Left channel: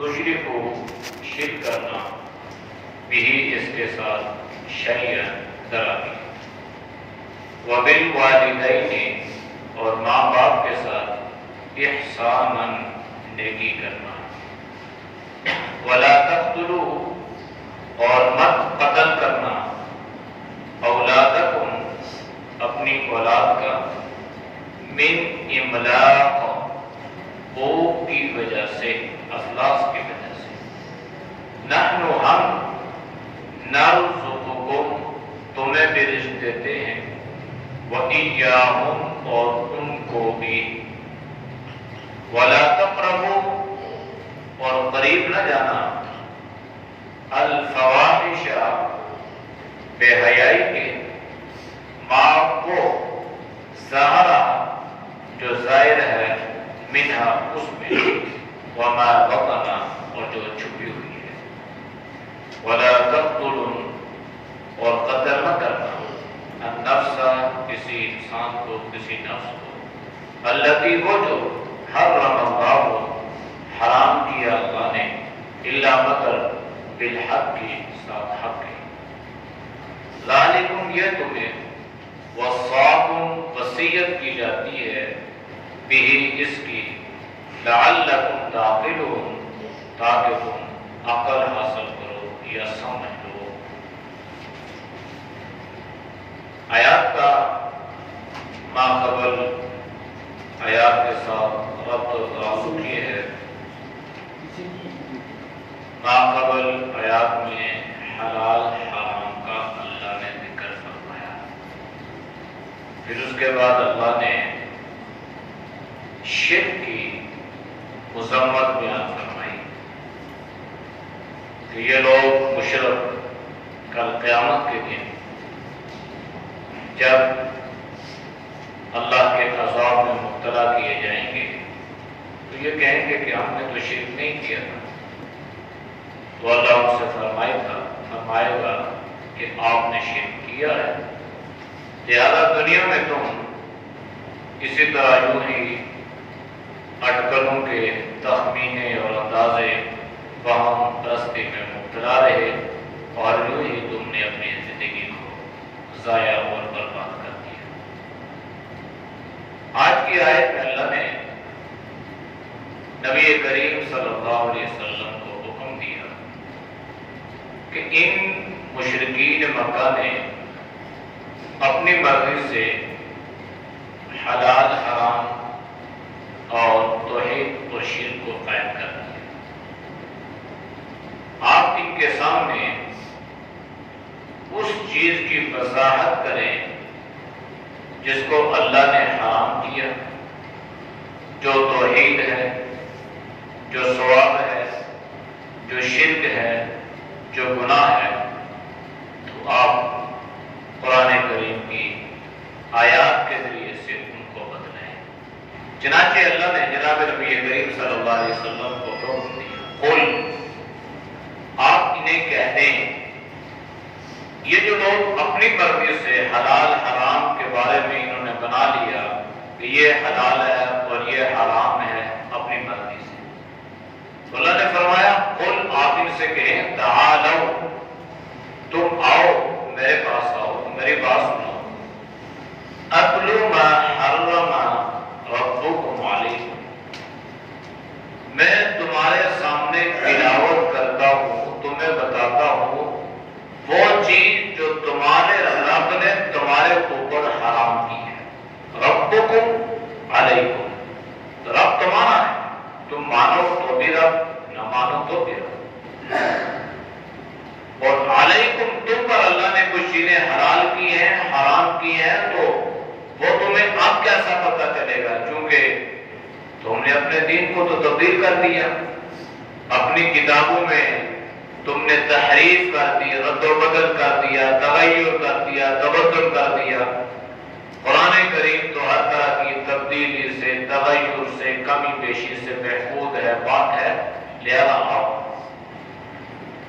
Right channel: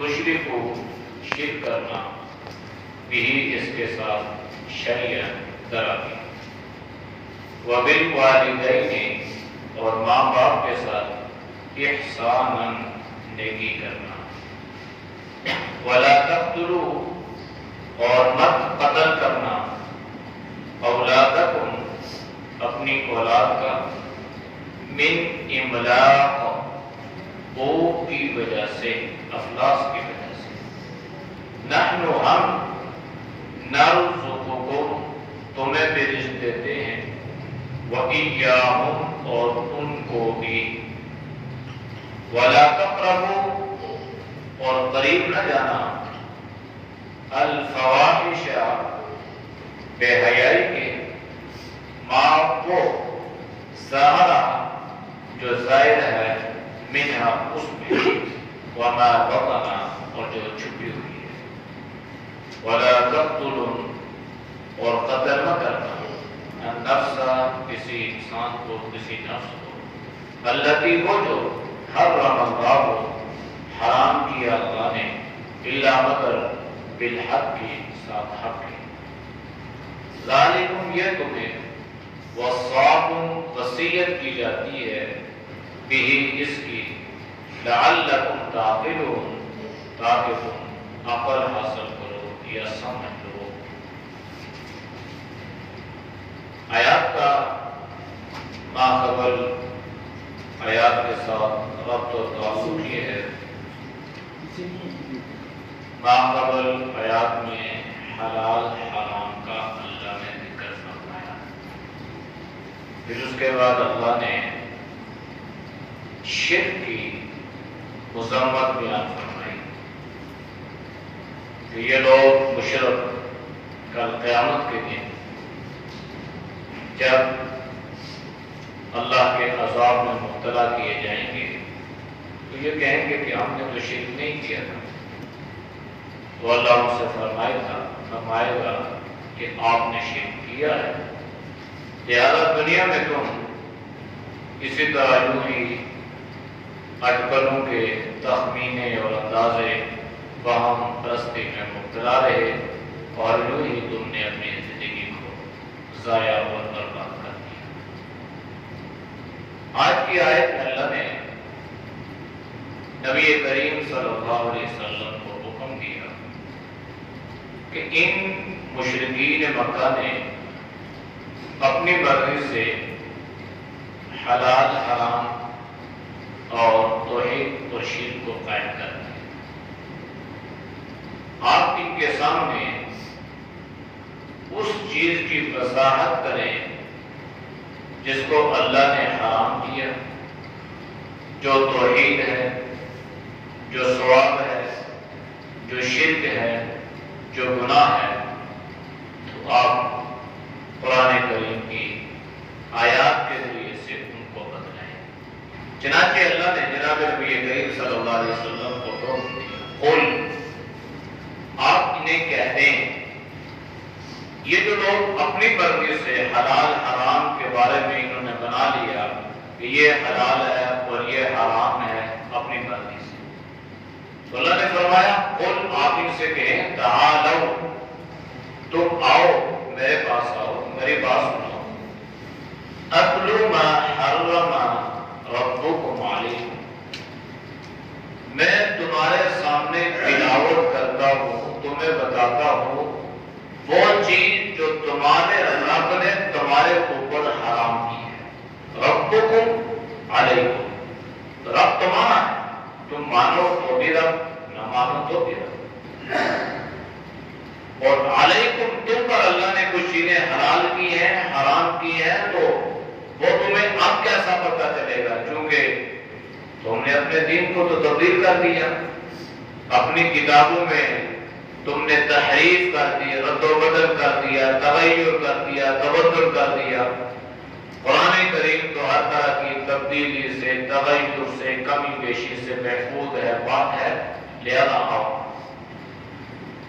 تشرکو شرک کرنا بھی اس کے ساتھ شیئن ذرا بھی وبالوالدین اور ماں باپ کے ساتھ احساناً نیکی کرنا ولا تقتلوا اور مت قتل کرنا اولادکم اپنی اولاد کا من املاق بھوک کی وجہ سے افلاس کی وجہ سے نحن ہم نرزقکم تمہیں بھی رزق دیتے ہیں وَإِيَّاهُمْ اور ان کو بھی وَلَا تَقْرَبُوا اور قریب نہ جانا الفواحش بے حیائی کے ما کو ظاہرہ جو ظاہر ہے منہا اس میں وما بطن اور جو چھپی ہوئی ہے وَلَا تَقْتُلُوا اور قتل نہ کرنا النفس کسی انسان کو کسی نفس کو التی وہ جو حرم اللہ حرام کیا اللہ نے الا مگر بالحق کی ساتھ حق کی ذالکم یہ تمہیں وصاکم وصیت کی جاتی ہے بھی اس کی لعلکم تعقلون تاکہ تم عقل حاصل کرو یا سمجھ لو آیات کا ماقبل آیات کے ساتھ ربط و تعلق یہ ہے ماقبل آیات میں حلال حرام کا اللہ نے ذکر فرمایا پھر اس کے بعد اللہ نے شرک کی مذمت بیان فرمائی کہ یہ لوگ مشرک کل قیامت کے دن جب اللہ کے عذاب میں مبتلا کیے جائیں گے تو یہ کہیں گے کہ ہم نے تو شرک نہیں کیا تھا تو اللہ ان سے فرمائے گا کہ آپ نے شرک کیا ہے لہذا دنیا میں تم اسی طرح یوں ہی اٹکلوں کے تخمینے اور اندازے وہم پرستی میں مبتلا رہے اور یوں ہی تم نے اپنی زندگی کو ضائع اور برباد کر دیا آج کی آیت میں اللہ نے نبی کریم صلی اللہ علیہ وسلم کو حکم دیا کہ ان مشرکین مکہ نے اپنی مرضی سے حلال حرام اور توحید اور شرک کو قائم کر دیا آپ ان کے سامنے اس چیز کی وضاحت کریں جس کو اللہ نے حرام کیا جو توحید ہے جو ثواب ہے جو شرک ہے جو گناہ ہے تو آپ قرآن کریم کی آیات کے ذریعے سے ان کو بتلائیں چنانچہ اللہ نے جناب نبی کریم صلی اللہ علیہ وسلم کو حکم دیا قل آپ انہیں کہہ دیں یہ جو لوگ اپنی مرضی سے حلال حرام کے بارے میں انہوں نے بنا لیا کہ یہ حلال ہے اور یہ حرام ہے اپنی مرضی سے تو اللہ نے فرمایا قل آپ ان سے کہیں تعالو تم آؤ میرے پاس آؤ میری بات سنو اتلو ما حرم ربکم علیکم میں تمہارے سامنے تلاوت کرتا ہوں تمہیں بتاتا ہوں وہ چیز جو تمہارے رب نے تمہارے اوپر حرام کی ہے ربکم علیکم رب تمہارا ہے تم مانو تو بھی رب نہ مانو تو بھی رب اور علیکم تم پر اللہ نے کچھ چیزیں حلال کی ہیں حرام کی ہیں تو وہ تمہیں اب کیسا پتہ چلے گا کیونکہ تم نے اپنے دین کو تو تبدیل کر دیا اپنی کتابوں میں تم نے تحریف کر دی رد و بدل کر دیا تغیر کر دیا تبدل کر دیا قرآن کریم تو ہر طرح کی تبدیلی سے تغیر سے کمی بیشی سے محفوظ ہے پاک ہے لہذا آؤ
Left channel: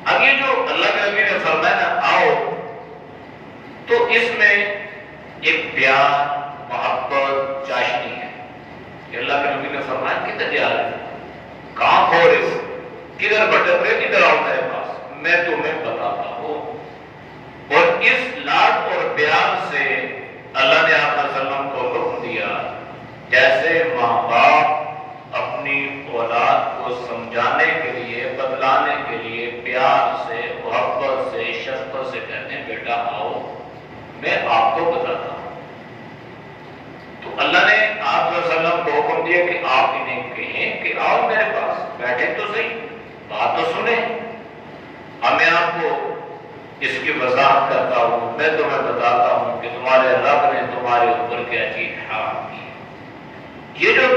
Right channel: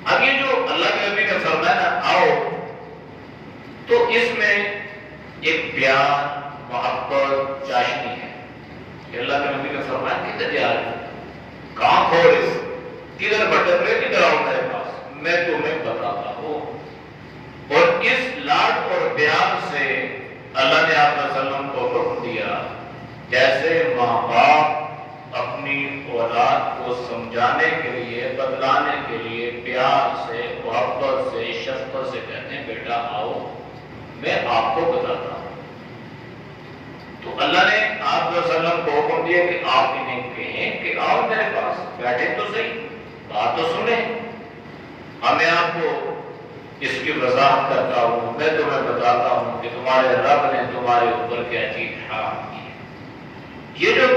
اب یہ جو اللہ کے نبی نے فرمایا نا آؤ تو اس میں ایک پیار محبت چاشنی ہے کہ اللہ کے نبی نے فرمایا کدھر جا رہے ہو کہاں کھو رہے ہو کس بچپنے کی طرح ہو میرے پاس، میں تمہیں بتاتا ہوں۔ اور اس لاڈ اور پیار سے اللہ نے آپ صلی اللہ علیہ وسلم کو حکم دیا جیسے ماں باپ اپنی اولاد کو سمجھانے کے لیے، بتلانے کے لیے پیار سے، محبت سے، شفقت سے کہتے ہیں بیٹا آؤ میں آپ کو بتاتا ہوں، تو اللہ نے آپ صلی اللہ علیہ وسلم کو حکم دیا کہ آپ انہیں کہیں کہ آؤ میرے پاس، بیٹھے تو صحیح، بات تو سنیں۔ اب میں آپ کو اس کی وضاحت کرتا ہوں، میں تمہیں بتاتا ہوں کہ تمہارے رب نے تمہارے اوپر کیا چیز حرام کی ہے۔ یہ جو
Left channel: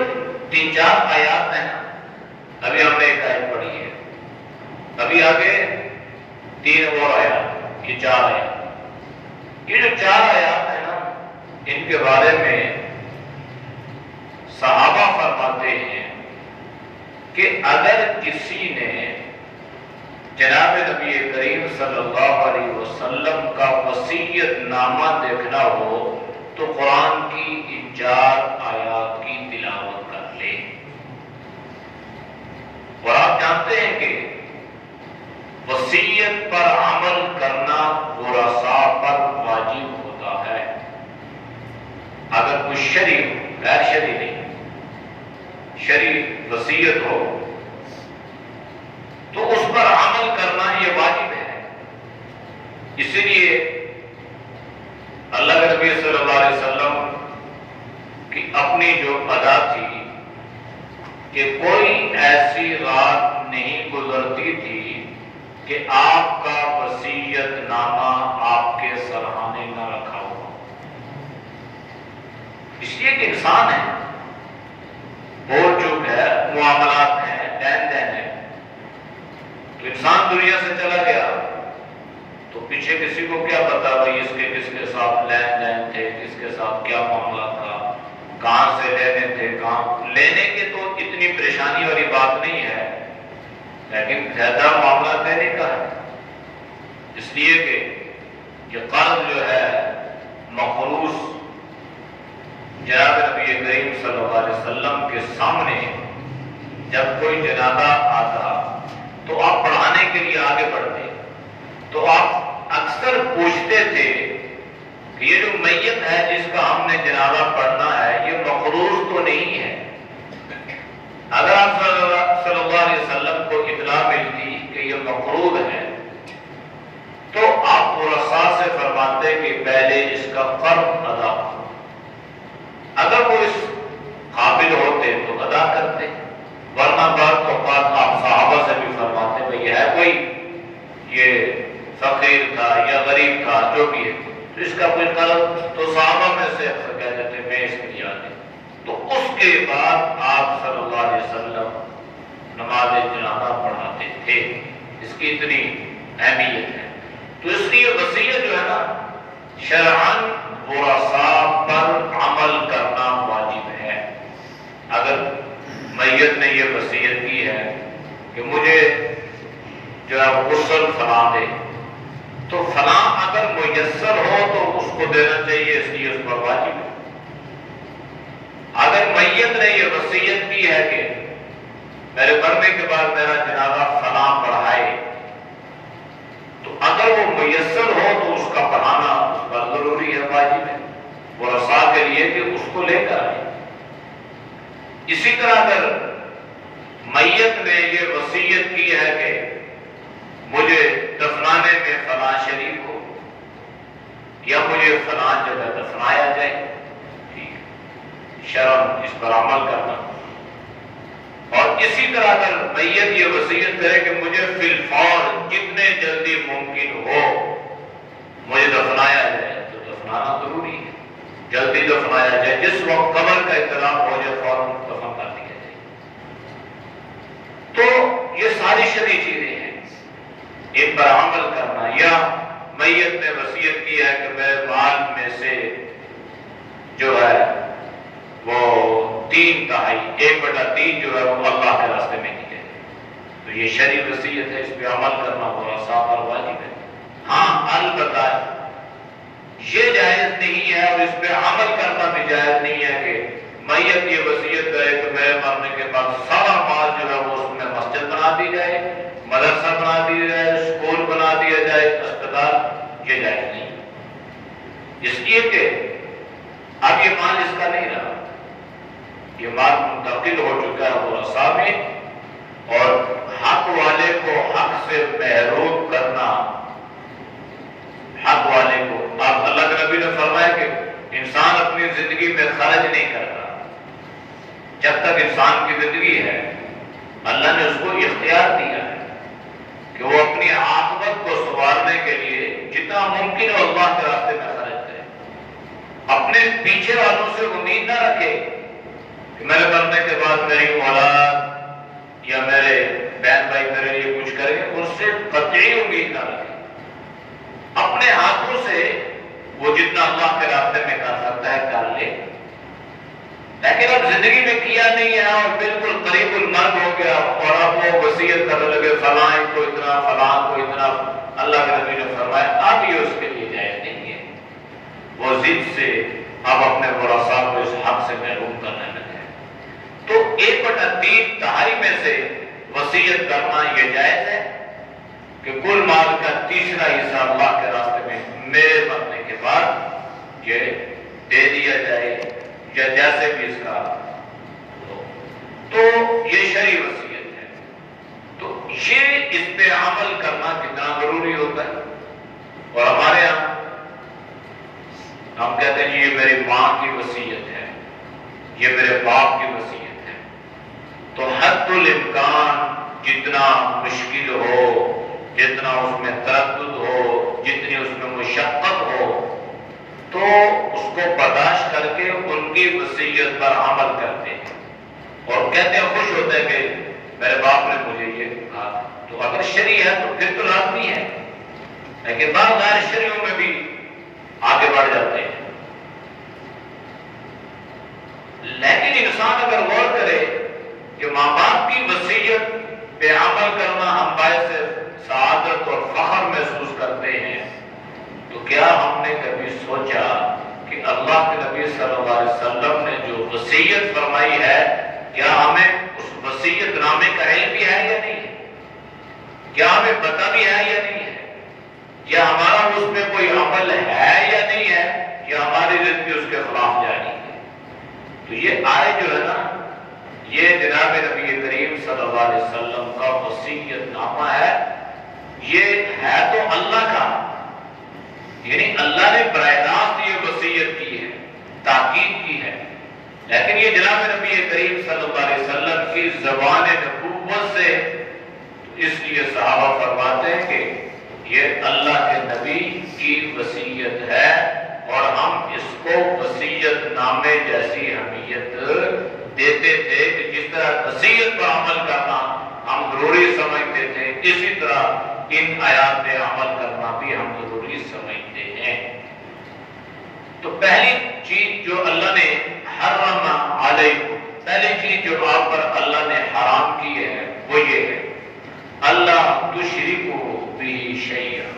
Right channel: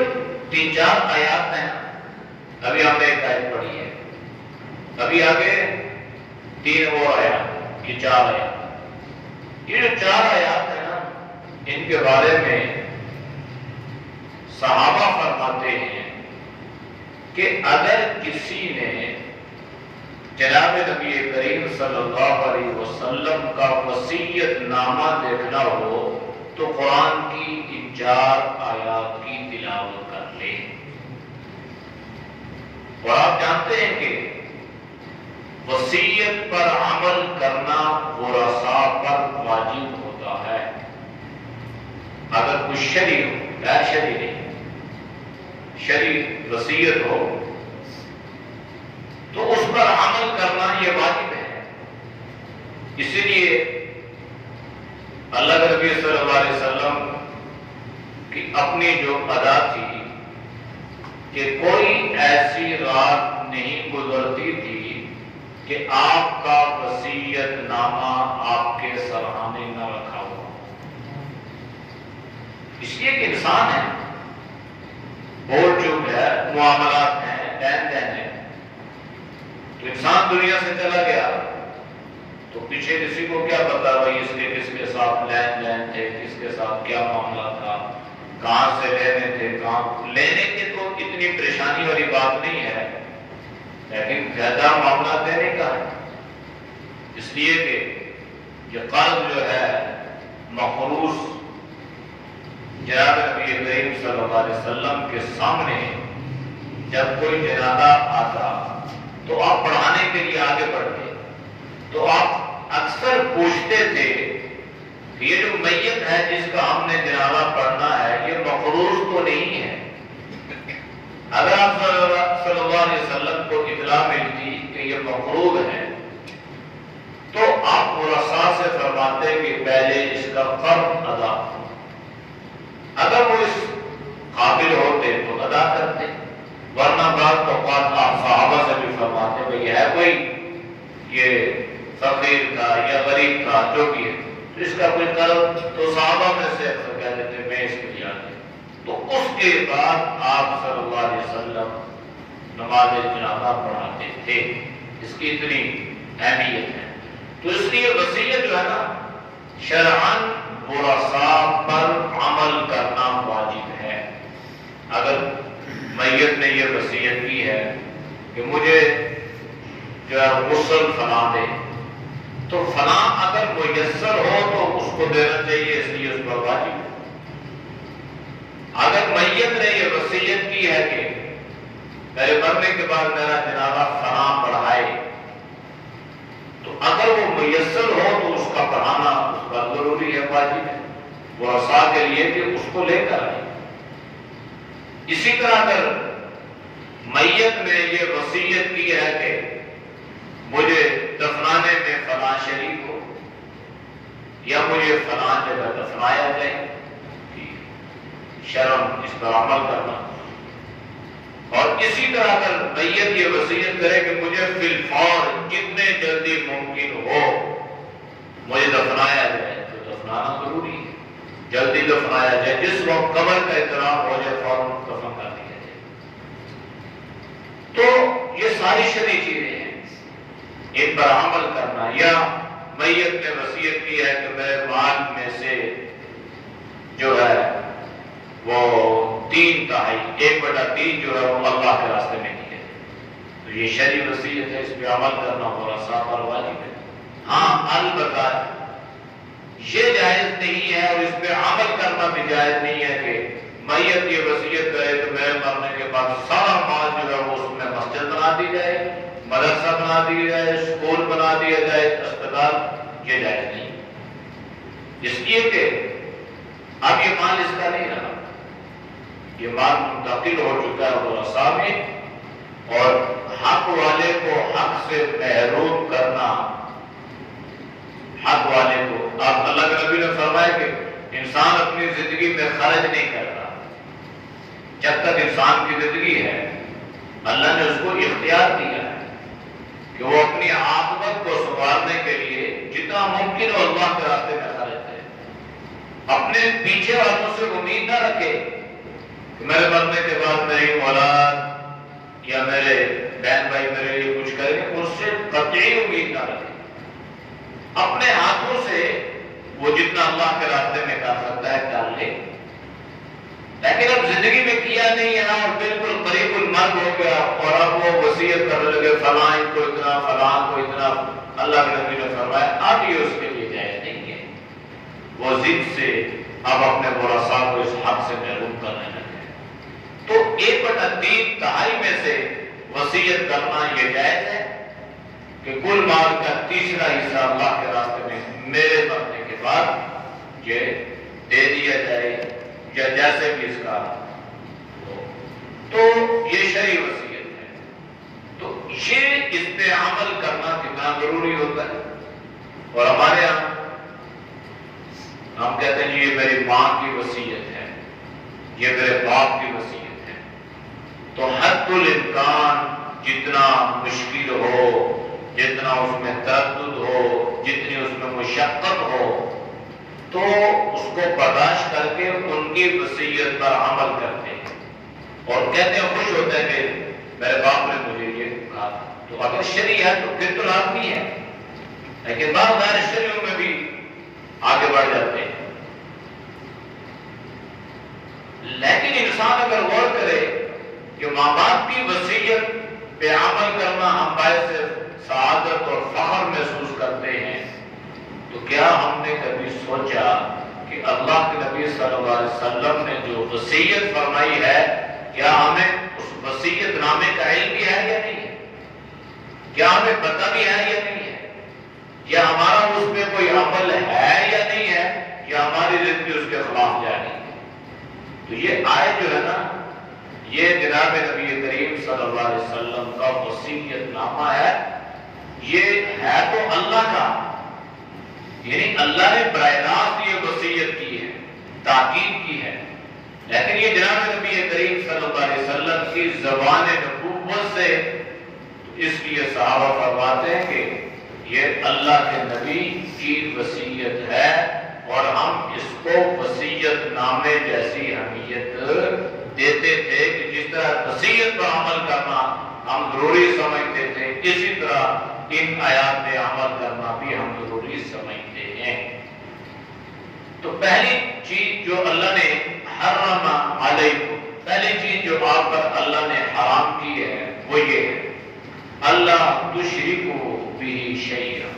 3-4 آیات ہیں نا، ابھی ہم نے ایک آیت پڑھی ہے، ابھی آگے 3 اور آیات، یہ 4 آیات، یہ جو 4 آیات ہیں نا، ان کے بارے میں صحابہ فرماتے ہیں کہ اگر کسی نے جناب نبی کریم صلی اللہ علیہ وسلم کا وصیت نامہ دیکھنا ہو تو قرآن کی ان 4 آیات کی تلاوت کر لے۔ اور آپ جانتے ہیں کہ وصیت پر عمل کرنا ورثاء پر واجب ہوتا ہے، اگر کچھ شرعی ہو، غیر شرعی نہیں، شرعی وصیت ہو تو اس پر عمل کرنا یہ واجب ہے۔ اسی لیے اللہ کے نبی صلی اللہ علیہ وسلم کی اپنی جو ادا تھی کہ کوئی ایسی رات نہیں گزرتی تھی کہ آپ کا وصیت نامہ آپ کے سرحانے نہ رکھا ہو، اس لیے کہ انسان ہے، بول چوک ہے، معاملات ہیں، دین دین ہے، تو انسان دنیا سے چلا گیا تو پیچھے کسی کو کیا پتا بھائی اس کے کس کے ساتھ لین دین تھے، کس کے ساتھ کیا معاملہ تھا، کہاں سے لینے تھے، کہاں لینے کے تو اتنی پریشانی والی بات نہیں ہے، لیکن زیادہ معاملہ دینے کا ہے، اس لیے کہ یہ قرض جو ہے مخروص جناب نبی کریم صلی اللہ علیہ وسلم کے سامنے جب کوئی جنازہ آتا تو آپ پڑھانے کے لیے آگے بڑھتے تو آپ اکثر پوچھتے تھے کہ یہ جو میت ہے جس کا ہم نے جنازہ پڑھنا ہے یہ مقروض تو نہیں ہے؟ اگر آپ صلی اللہ علیہ وسلم کو اطلاع ملتی کہ یہ مقروض ہے تو آپ ورثاء سے فرماتے کہ پہلے اس کا فرض ادا ہو، اگر وہ اس قابل ہوتے تو ادا کرتے، ورنہ بعض اوقات آپ صحابہ سے بھی فرماتے بھئی ہے کوئی یہ فقیر تھا یا غریب تھا جو بھی ہے تو اس کا کوئی قرض، تو صحابہ میں سے اکثر کہہ دیتے میں اس کو دیا دیں، تو اس کے بعد آپ صلی اللہ علیہ وسلم نماز جنازہ پڑھاتے تھے، اس کی اتنی اہمیت ہے۔ تو اس لیے وصیت جو ہے نا شرعاً ورثاء پر عمل کرنا واجب ہے۔ اگر میت نے یہ وصیت کی ہے کہ مجھے جو ہے غسل فلاں دے، تو فلاں اگر میسر ہو تو اس کو دینا چاہیے، اس لیے اس پر واجب ہے۔ اگر میت نے یہ وصیت کی ہے کہ میرے مرنے کے بعد میرا جنازہ فلاں پڑھائے، تو اگر وہ میسر ہو تو اس کا پڑھانا اس پر ضروری ہے، واجب ہے ورثاء کے لیے کہ اس کو لے کر آئے۔ اسی طرح اگر میت نے یہ وصیت کی ہے کہ مجھے دفنانے میں فلاں شریک ہو یا مجھے فلاں جگہ دفنایا جائے، شرم اس پر عمل کرنا۔ اور اسی طرح اگر میت یہ وصیت کرے کہ مجھے فی الفور جتنے جلدی ممکن ہو مجھے دفنایا جائے، تو دفنانا ضروری ہے، جلدی دفنایا جائے، جس وقت قبر کا اطلاع ہو جائے فوراً دفن کر دیا جائے۔ تو یہ ساری شرعی چیزیں ہیں، ان پر عمل کرنا۔ یا میت نے وصیت کی ہے کہ میرے مال میں سے جو ہے وہ 3/3 1/3 جو ہے وہ اللہ کے راستے میں دی جائے، تو یہ شرعی وصیت ہے، اس پہ عمل کرنا ورثاء پر واجب ہے۔ ہاں البتہ یہ جائز نہیں ہے اور اس پہ عمل کرنا بھی جائز نہیں ہے کہ میت یہ وصیت کرے کہ میرے مرنے کے بعد سارا مال جو ہے وہ اس میں مسجد بنا دی جائے، مدرسہ بنا دیا جائے، اسکول بنا دیا جائے، اسپتال، یہ جائز نہیں، اس لیے کہ اب یہ مال اس کا نہیں رہا، یہ مال منتقل ہو چکا ہے ورثاء میں، اور حق والے کو حق سے محروم کرنا، حق والے کو، اب اللہ کے نبی نے فرمایا کہ انسان اپنی زندگی میں خرچ نہیں کرتا، جب تک انسان کی زندگی ہے اللہ نے اس کو اختیار دیا ہے کہ وہ اپنی عاقبت کو سنوارنے کے لیے جتنا ممکن ہو اللہ کے راستے میں خرچ کرے، اپنے پیچھے والوں سے امید نہ رکھے کہ میرے مرنے کے بعد میری اولاد یا میرے بہن بھائی میرے لیے کچھ کریں گے، اس سے قطعی امید نہ رکھے، اپنے ہاتھوں سے وہ جتنا اللہ کے راستے میں کر سکتا ہے کر لے، لیکن اب زندگی میں کیا نہیں ہے اور بالکل قریب المرگ ہو گیا اور اب وہ وصیت کرنے لگے فلاں کو اتنا، فلاں کو اتنا، اللہ کے نبی نے فرمایا اب یہ اس کے لیے جائز نہیں ہے، وہ ضد سے اب اپنے ورثاء کو اس حق سے محروم کرنے لگے، تو 1/3 تہائی میں سے وصیت کرنا یہ جائز ہے کہ کل مال کا تیسرا حصہ اللہ کے راستے میں میرے مرنے کے بعد یہ دے دیا جائے یا جیسے بھی اس کا ہو، تو یہ شرعی وصیت ہے، تو یہ اس پہ عمل کرنا کتنا ضروری ہوتا ہے، اور ہمارے یہاں ہم کہتے ہیں یہ میری ماں کی وصیت ہے، یہ میرے باپ کی وصیت ہے، تو حد الامکان جتنا مشکل ہو، جتنا اس میں تردد ہو، جتنی اس میں مشقت ہو، تو اس کو برداشت کر کے ان کی وصیت پر عمل کرتے ہیں اور کہتے ہیں، خوش ہوتے ہیں کہ میرے باپ نے مجھے یہ کہا، تو اگر شرعی ہے تو پھر تو لازمی ہے، لیکن بعض غیر شرعیوں میں بھی آگے بڑھ جاتے ہیں، لیکن انسان اگر غور کرے کہ ماں باپ کی وصیت پہ عمل کرنا ہم باعث سعادت اور فخر محسوس کرتے ہیں، تو کیا ہم نے کبھی سوچا کہ اللہ کے نبی صلی اللہ علیہ وسلم نے جو وصیت فرمائی ہے کیا ہمیں اس وصیت نامے کا علم بھی ہے یا نہیں ہے، کیا ہمیں پتہ بھی ہے یا نہیں ہے، کیا ہمارا اس میں کوئی عمل ہے یا نہیں ہے، یا ہماری زندگی اس کے خلاف جاری ہے، تو یہ آئے جو ہے نا، یہ جناب نبی کریم صلی اللہ علیہ وسلم کا وصیت نامہ ہے، یہ ہے تو اللہ کا، یعنی اللہ نے براہ راست یہ وصیت کی ہے، تاکید کی ہے، لیکن یہ جناب نبی کریم صلی اللہ علیہ وسلم کی زبان نبوت سے، اس لیے صحابہ فرماتے ہیں کہ یہ اللہ کے نبی کی وصیت ہے اور ہم اس کو وصیت نامے جیسی اہمیت دیتے تھے کہ جس طرح وصیت پر عمل کرنا ہم ضروری سمجھتے تھے، اسی طرح ان آیات پہ عمل کرنا بھی ہم ضروری سمجھتے ہیں۔ تو پہلی چیز جو اللہ نے حرم علیکم، پہلی چیز جو آپ پر اللہ نے حرام کی ہے وہ یہ ہے اللہ تشرکوا بہ شیئا،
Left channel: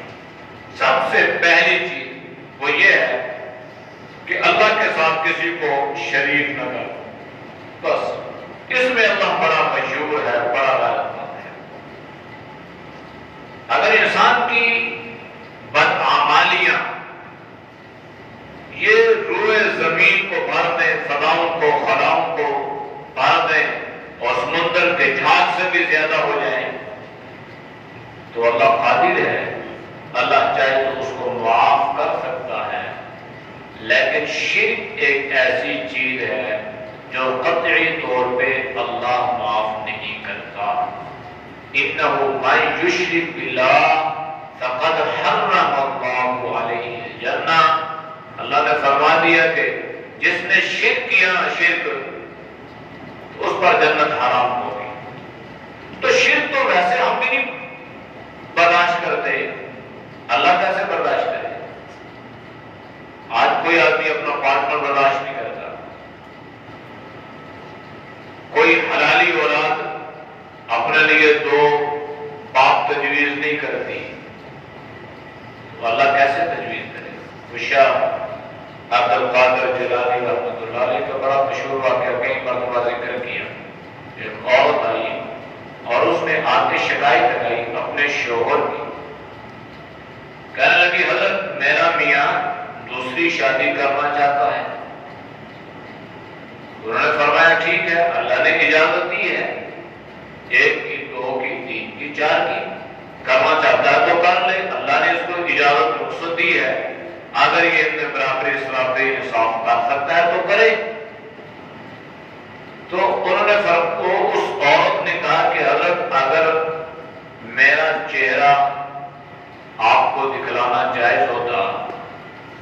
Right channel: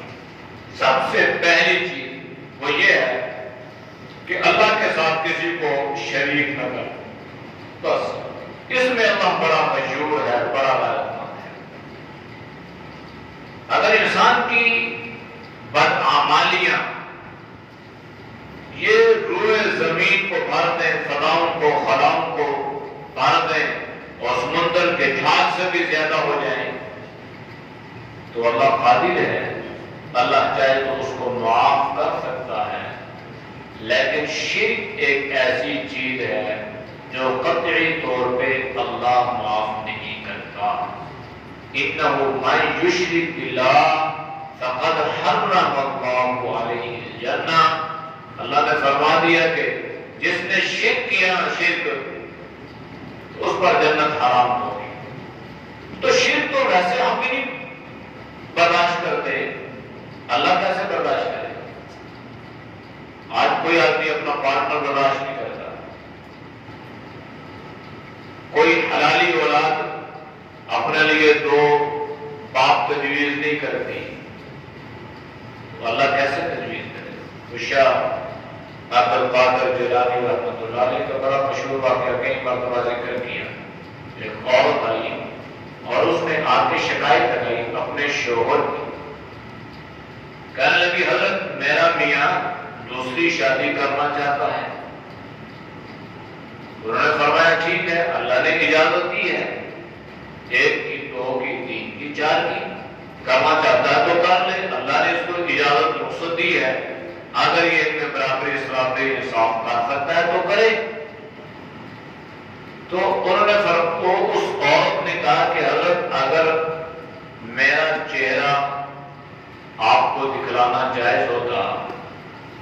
سب سے پہلی چیز وہ یہ ہے کہ اللہ کے ساتھ کسی کو شریک نہ کرو، بس اس میں اللہ بڑا مشہور ہے، بڑا غالب ہے۔ اگر انسان کی بدعمالیاں یہ روئے زمین کو بھر دیں، فضاؤں کو، خلاؤں کو بھر دیں اور سمندر کے جھاگ سے بھی زیادہ ہو جائیں، تو اللہ قادر ہے، اللہ چاہے تو اس کو معاف کر سکتا ہے، لیکن شرک ایک ایسی چیز ہے جو قطعی طور پہ اللہ معاف نہیں کرتا۔ اِنَّهُ مَن يُشْرِكْ بِاللَّهِ فَقَدْ حَرَّمَ اللَّهُ عَلَيْهِ الْجَنَّةَ، اللہ نے فرما دیا کہ جس نے شرک کیا، شرک، اس پر جنت حرام ہوگی۔ تو شرک تو ویسے ہم بھی نہیں برداشت کرتے، اللہ کیسے برداشت کرے؟ آج کوئی آدمی اپنا پارٹنر برداشت نہیں کرتا، کوئی حلالی اولاد اپنے لیے دو باپ تجویز نہیں کرتی، تو اللہ کیسے تجویز کرے؟ عبد القادر جیلانی رحمۃ اللہ علیہ کا بڑا مشہور واقعہ کئی مرتبہ ذکر کیا. ایک عورت آئی اور اس نے آ کے شکایت لگائی اپنے شوہر کی. کہنے لگی حضرت میرا میاں دوسری شادی کرنا چاہتا ہے. انہوں نے فرمایا ٹھیک ہے، اللہ نے اجازت دی ہے، ایک کی، دو کی، تین کی، چار کی، کرنا چاہتا ہے تو کر لے. اللہ نے اس کو اجازت رخصت دی ہے، اگر یہ ان میں برابری سرابری انصاف کر سکتا ہے تو کرے. تو انہوں نے اس عورت نے کہا کہ حضرت اگر میرا چہرہ آپ کو دکھلانا جائز ہوتا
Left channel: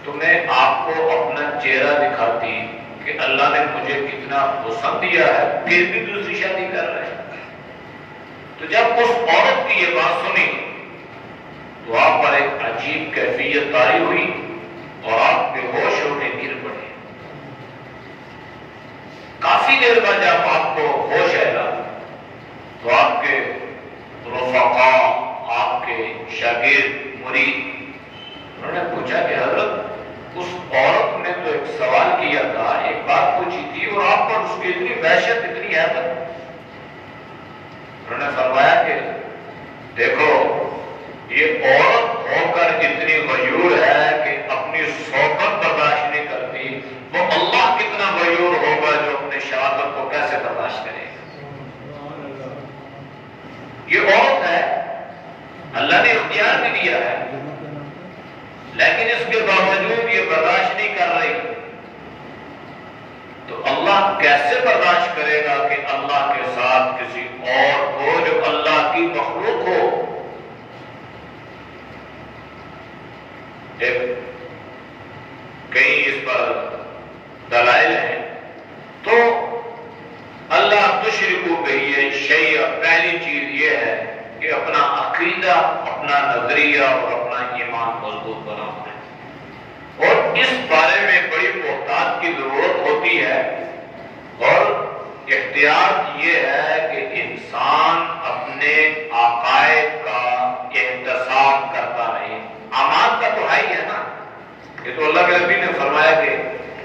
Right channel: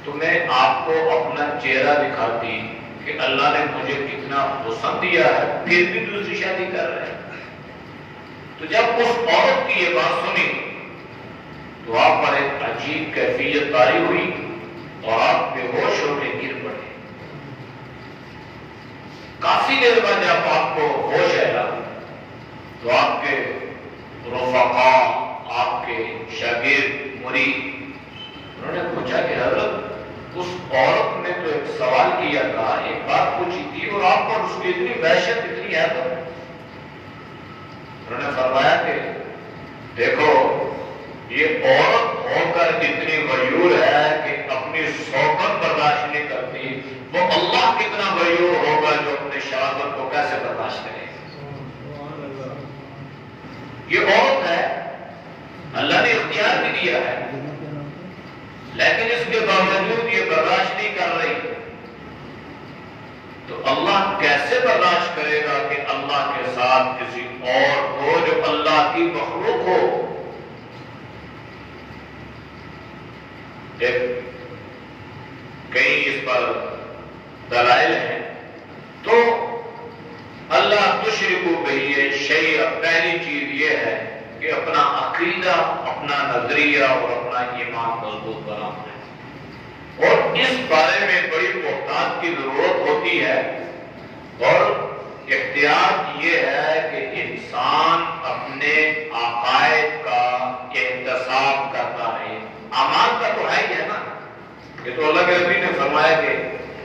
تو میں آپ کو اپنا چہرہ دکھاتی کہ اللہ نے مجھے کتنا حسن دیا ہے، پھر بھی دوسری شادی کر رہے ہیں. تو جب اس عورت کی یہ بات سنی تو آپ پر ایک عجیب کیفیت طاری ہوئی اور آپ بے ہوش ہو کے گر پڑے. کافی دیر بعد جب آپ کو ہوش آیا تو آپ کے رفقا، آپ کے شاگرد، مرید، انہوں نے پوچھا کہ حضرت اس عورت نے تو ایک سوال کیا تھا، ایک بات پوچھی تھی اور آپ پر اس کی اتنی وحشت، اتنی ہے. انہوں نے فرمایا کہ دیکھو یہ عورت ہو کر اتنی غیور ہے کہ اپنی صحبت برداشت نہیں کرتی، وہ اللہ کتنا غیور ہوگا جو اپنے شہادت کو کیسے برداشت کرے. یہ عورت ہے، اللہ نے اختیار بھی دیا ہے، لیکن اس کے باوجود یہ برداشت نہیں کر رہی. تو اللہ کیسے برداشت کرے گا کہ اللہ کے ساتھ کسی اور ہو جو اللہ کی مخلوق ہو. کئی اس پر دلائل ہیں. تو اللہ تشرکو بہ شیئا، پہلی چیز یہ ہے کہ اپنا عقیدہ، اپنا نظریہ اور اپنا ایمان مضبوط بنانا ہے. اور اس بارے میں بڑی محتاط کی ضرورت ہوتی ہے. اور احتیاط یہ ہے کہ انسان اپنے عقائد کا احتساب کرتا ہے. اعمال کا تو ہے نا، یہ تو اللہ کے نبی نے فرمایا کہ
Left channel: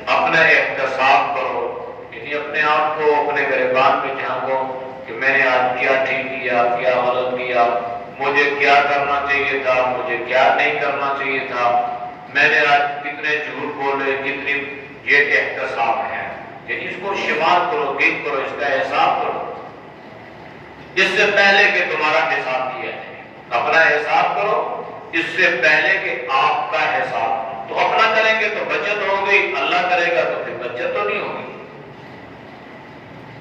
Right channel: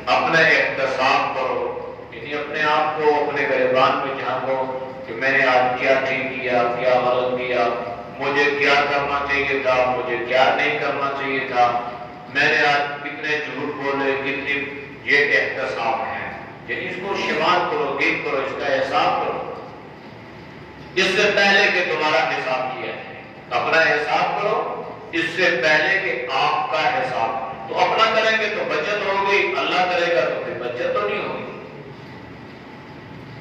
اپنا احتساب کرو، یعنی اپنے آپ کو اپنے گریبان میں جھانکو کہ میں نے آج کیا ٹھیک کیا، کیا غلط کیا، مجھے کیا کرنا چاہیے تھا، مجھے کیا نہیں کرنا چاہیے تھا، میں نے آج کتنے جھوٹ بولے، کتنی. یہ احتساب ہے، یعنی اس کو شمار کرو، گن کرو، اس کا حساب کرو اس سے پہلے کہ تمہارا حساب کیا ہے. اپنا حساب کرو اس سے پہلے کہ آپ کا حساب. تو اپنا کریں گے تو بچت ہو گئی، اللہ کرے گا تو پھر بچت تو نہیں ہوگی.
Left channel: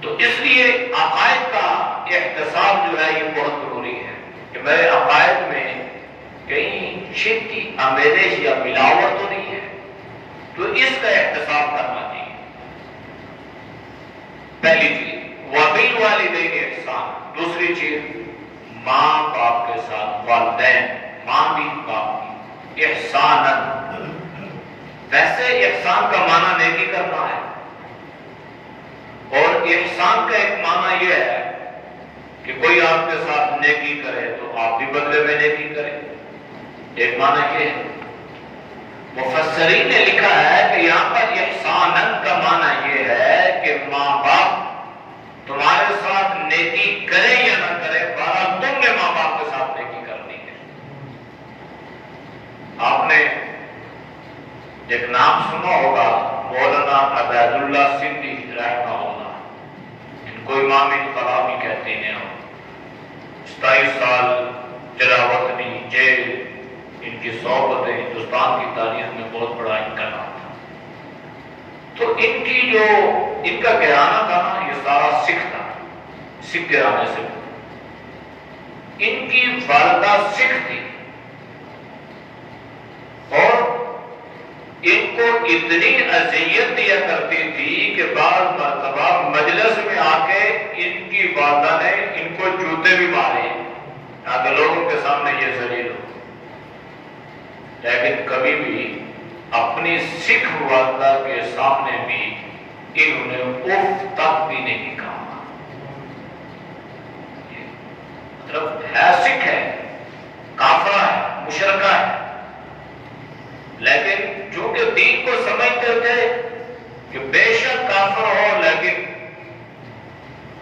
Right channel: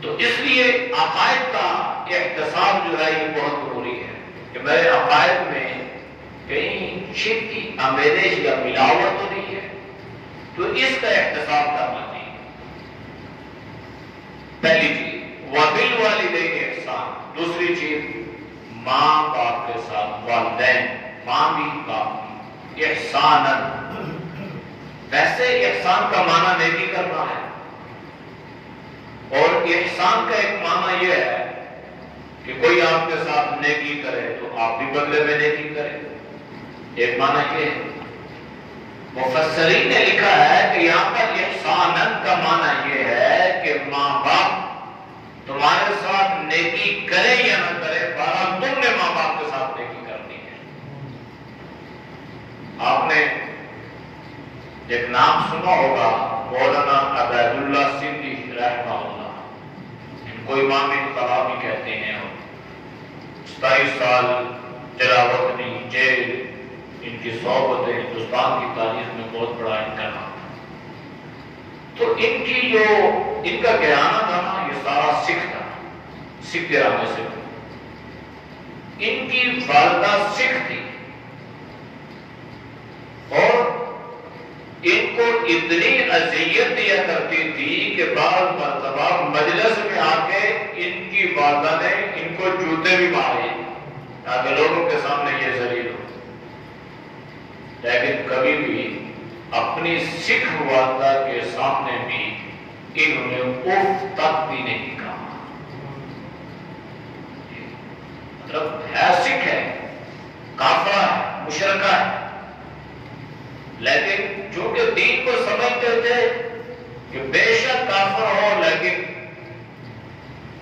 تو اس لیے عقائد کا احتساب جو ہے یہ بہت ضروری ہے کہ میرے عقائد میں کہیں شرک کی آمیزش یا ملاوٹ تو نہیں ہے. تو اس کا احتساب کرنا چاہیے. پہلی چیز وبالوالدین احسان. دوسری چیز ماں باپ کے ساتھ، والدین، ماں بھی باپ بھی، احسان. ویسے احسان کا معنی نیکی کرنا ہے، اور احسان کا ایک معنی یہ ہے کہ کوئی آپ کے ساتھ نیکی کرے تو آپ بھی بدلے میں نیکی کریں. ایک معنی یہ ہے. مفسرین نے لکھا ہے کہ یہاں پر احسانن کا معنی یہ ہے کہ ماں باپ تمہارے ساتھ نیکی کرے یا نہ کرے، بہرحال تم نے ماں باپ کے ساتھ نیکی کرنی ہے. آپ نے ایک نام سنا ہوگا مولانا عبید اللہ سندھی رحمہ اللہ. ان کو امام انقلاب بھی کہتے ہیں. 27 سال تلاوت جیل، ان کی صحبت ہندوستان کی تاریخ میں بہت بڑا ان کا نام تھا. تو ان کا گھرانہ تھا نا، یہ سارا سکھ تھا، سکھ گھرانے سے. ان کی والدہ سکھ تھی اور ان کو اتنی اذیت دیا کرتی تھی کہ بعض مرتبہ مجلس میں آ کے ان کی والدہ نے ان کو جوتے بھی مارے تاکہ لوگوں کے سامنے یہ ذلیل ہو. لیکن کبھی بھی اپنی سکھ والدہ کے سامنے بھی انہوں نے اف تک بھی نہیں کہا. مطلب ہے سکھ ہے، کافرہ ہے، مشرکہ ہے، لیکن چونکہ کے دین کو سمجھتے تھے کہ بے شک کافر ہو لیکن